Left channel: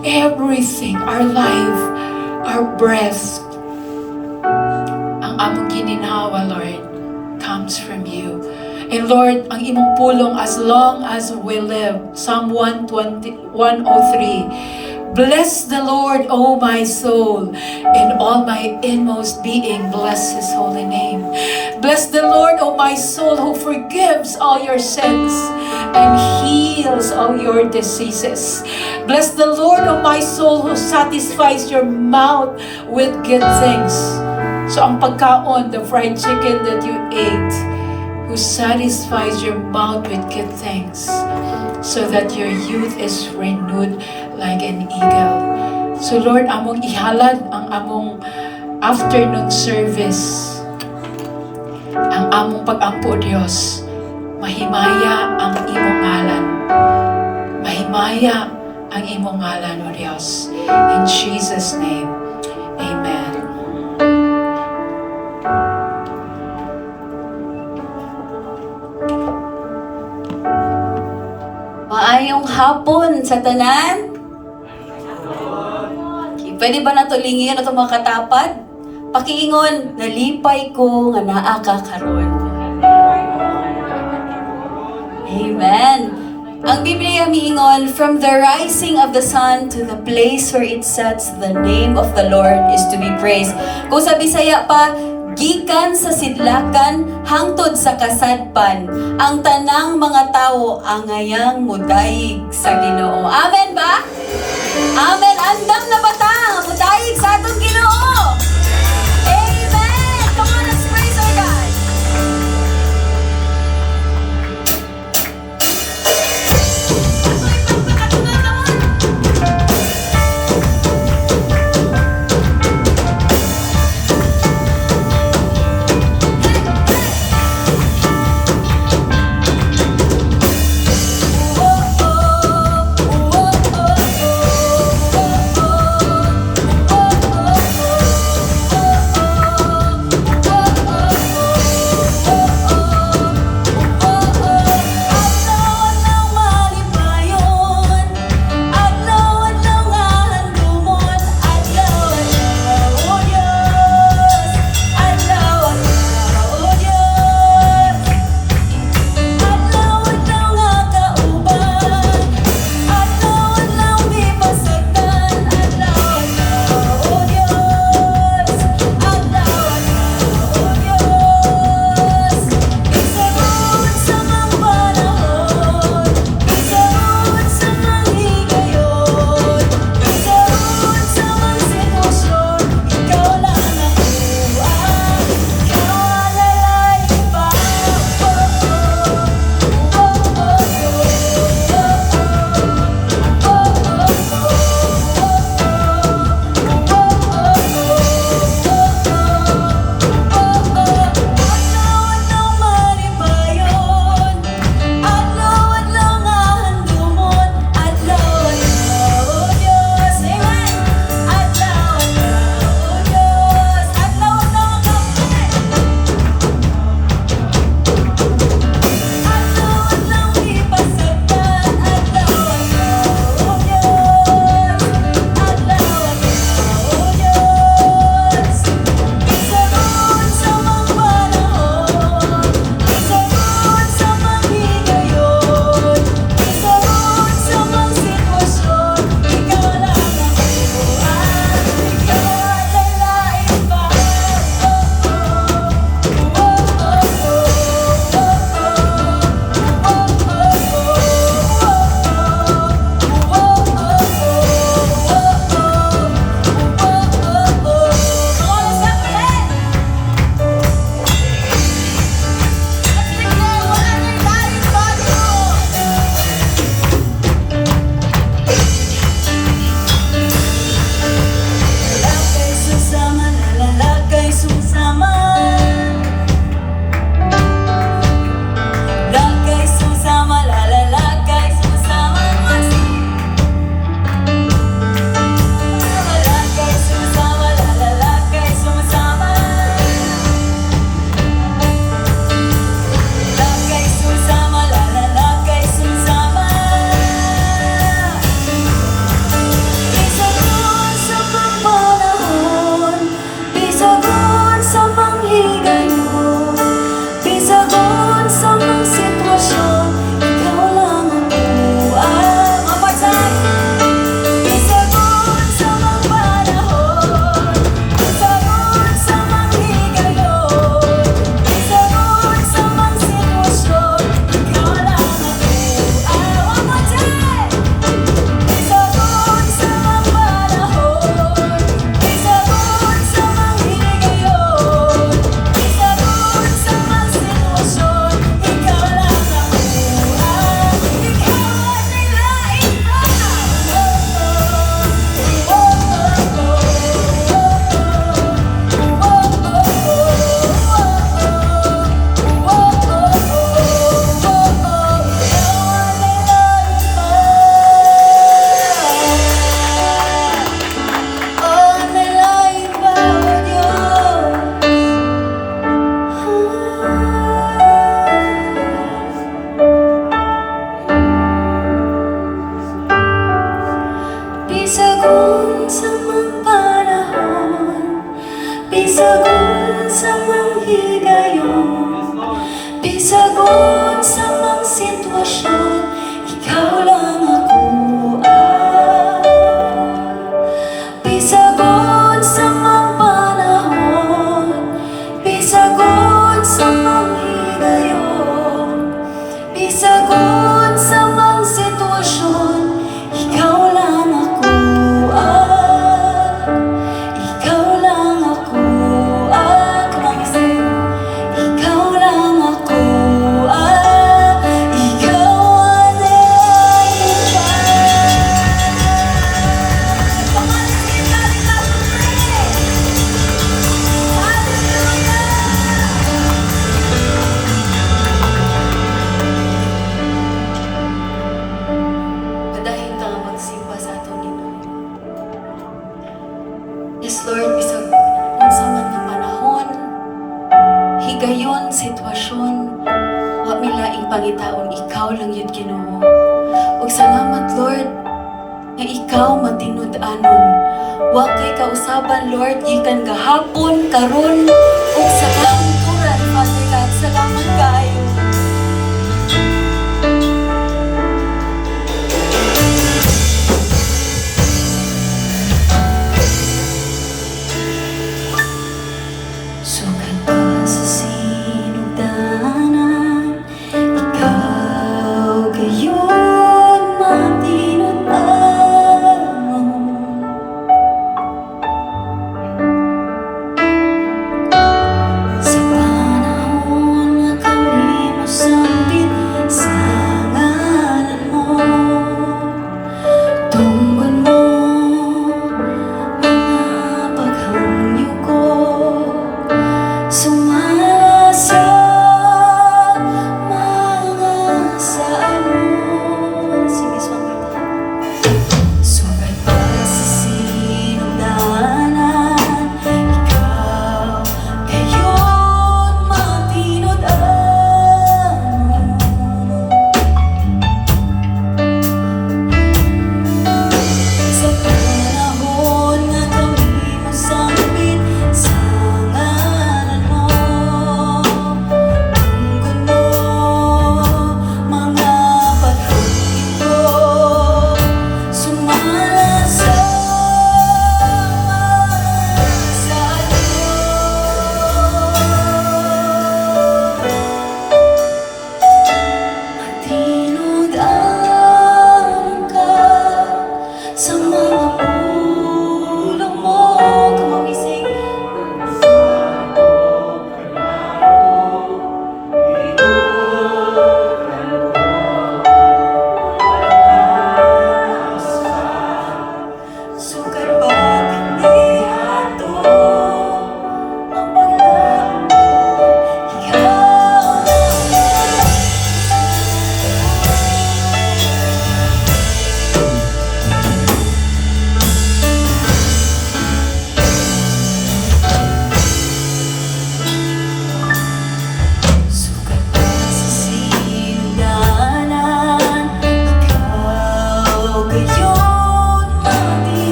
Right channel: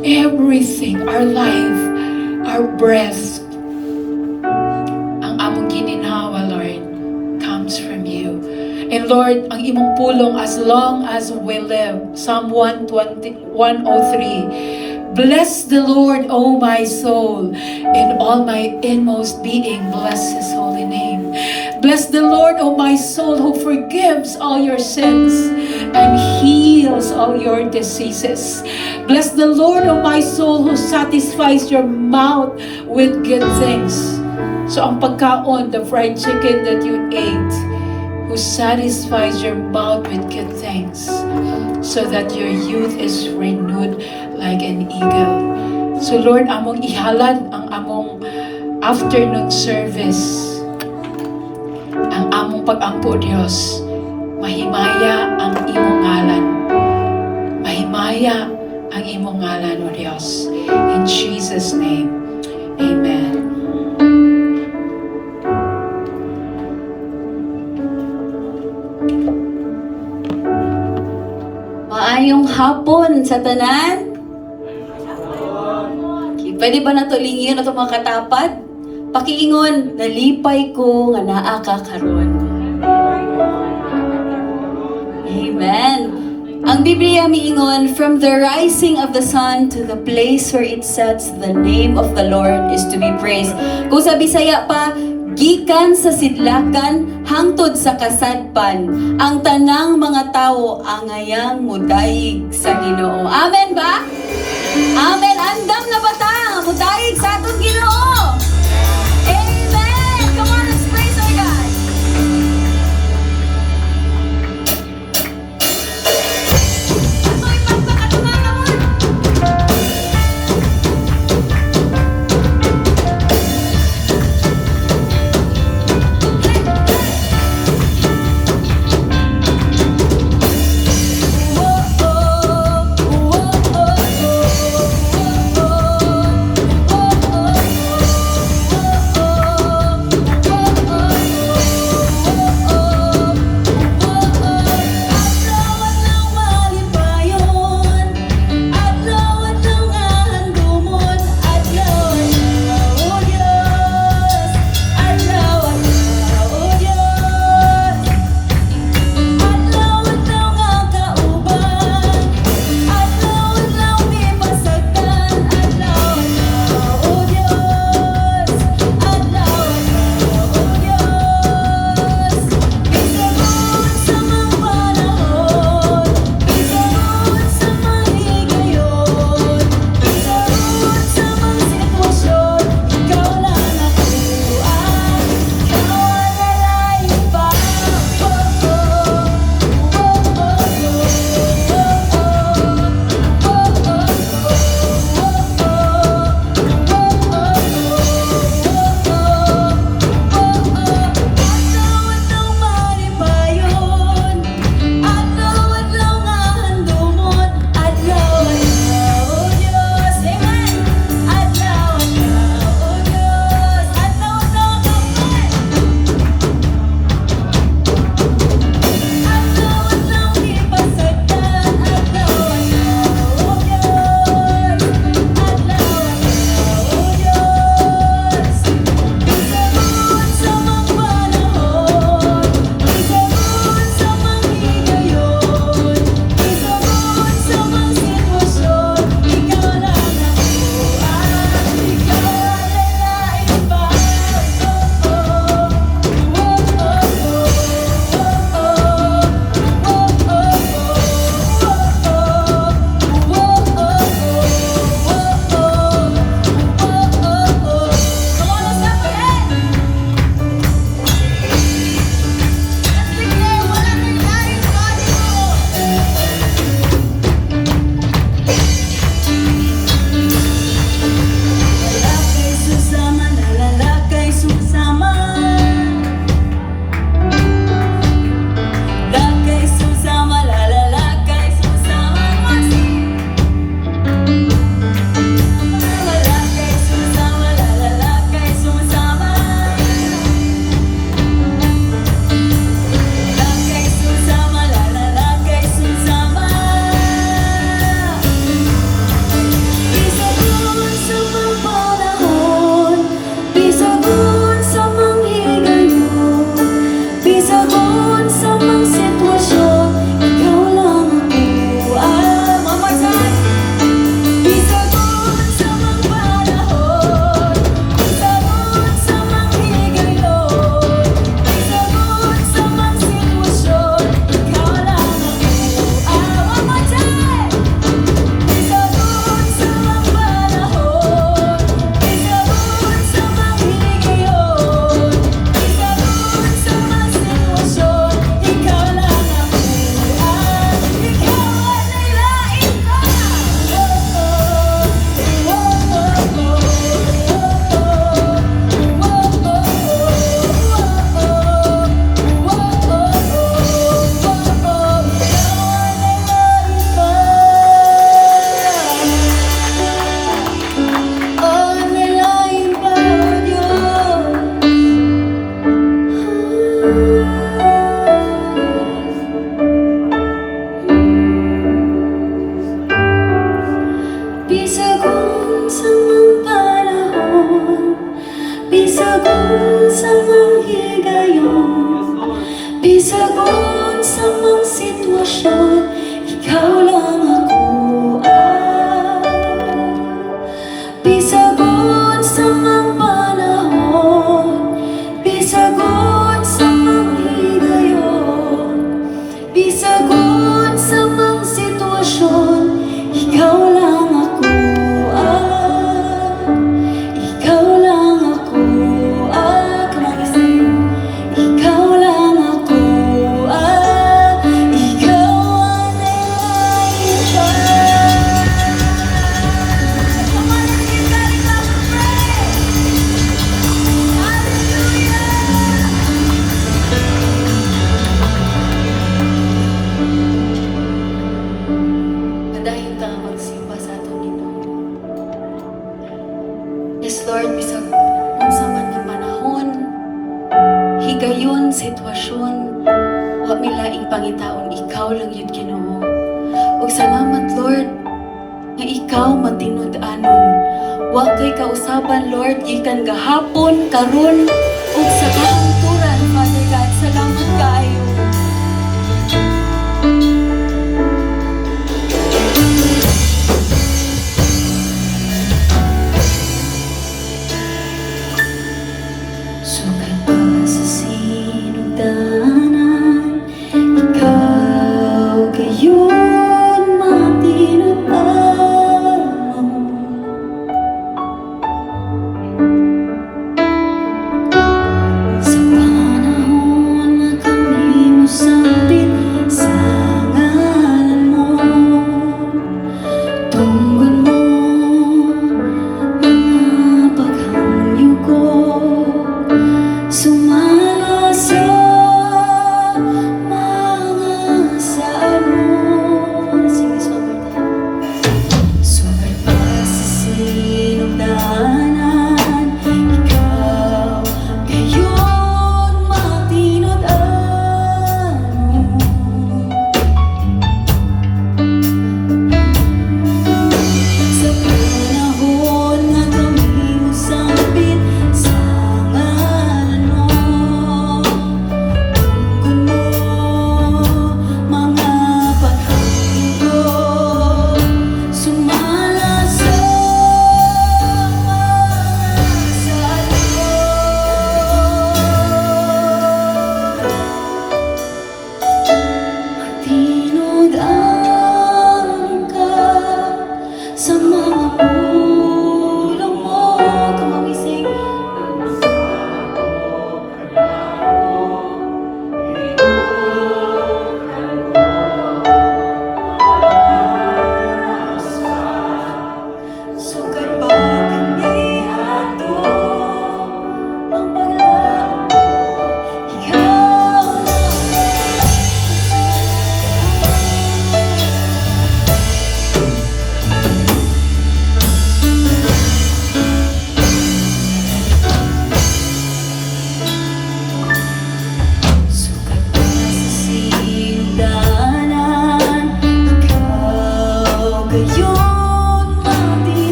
Everything, our life, our breath, ang among gininhawa, Lord, comes from you. And Lord, ang imong pulong as long as we live. Psalm 103. Bless the Lord, O my soul, and all my inmost being. Bless His holy name. Bless the Lord, O my soul, who forgives all your sins and heals all your diseases. Bless the Lord, O my soul, who satisfies your mouth with good things. So ang pagkaon, the fried chicken that you ate, who satisfies your mouth with good things, so that your youth is renewed like an eagle. So Lord, among ihalad ang among afternoon service, ang among pag-ampo, Diyos, mahimaya ang imong ngalan. Mahimaya ang imong ngalan, O Diyos. In Jesus' name, Amen. Maayong hapon sa tanan. Okay, pwede ba natulingin ito mga katapad? Pakiingon, nalipay ko nga naa ka karon. Amen. Ang Biblia miingon, from the rising of the sun to the place where it sets, the name of the Lord is to be praised. Kung sa Bisaya pa, gikan sa sidlakan hangtod sa kasadpan, ang tanang mga tao angayang mudayig sa Ginoo. Amen ba? Amen. Andam na ba ta? Mudayig sa atong Ginoo. Amen. Come on, let's praise our God. ikaw matinud-anon. Wa kay kausaban, Lord, gikan gahapon, karon ug sa kahangturan, Father God. Salamat kaayo. Sugad pa sa sinugdanan, ikaw gayon matinud-anon. Sa panahon nga kami mosambit sa ngalan mo, tunggon mo mga paghangyo ko, sumala sa mga salmo. Sige, sugad pa sa sinugdanan, ikaw gayon matinud-anon. Sa panahon nga kami mosambit sa ngalan mo, tungkol mo mga paghangin ko, sumala sa matinud-anon ka sa mga pulang mo. Kamawising sugad pa kami ato ang pala ikaw.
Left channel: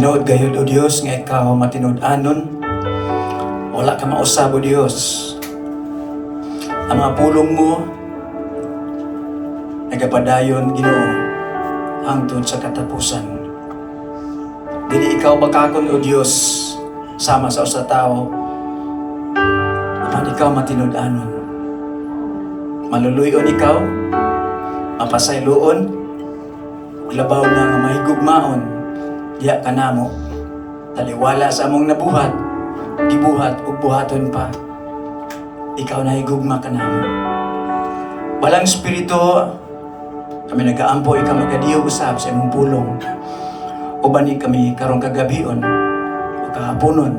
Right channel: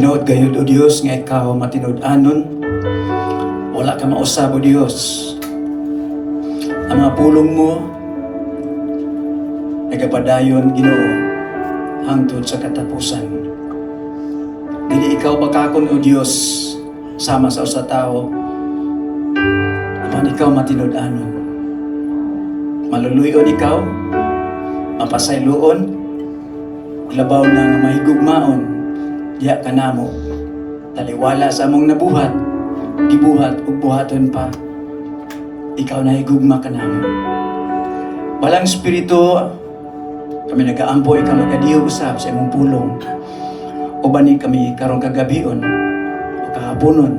Tinuod gayud o Dios nga ikaw matinud-anon. Wala ka mausab o Dios. Ang mga pulong mo nagapadayon Ginoo hangtod sa katapusan. Dili ikaw bakakon o Dios sama sa usa tawo. Apan ikaw matinud-anon. Maluluyon ikaw, mapasayloon, ug labaw na nga mahigugmaon, diya ka namo. Taliwala sa among nabuhat, gibuhat ug buhaton pa. Ikaw na higugma ka namo. Walang espiritu, kami nag-aampo, ikaw magadiyo usab sa imong pulong. Ubani kami karong kagabion o kahaponon.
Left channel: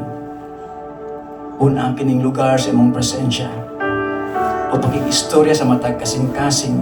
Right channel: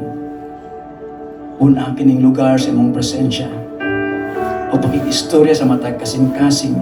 Una ang kining lugar sa imong presensya o pakikistorya sa matag kasing-kasing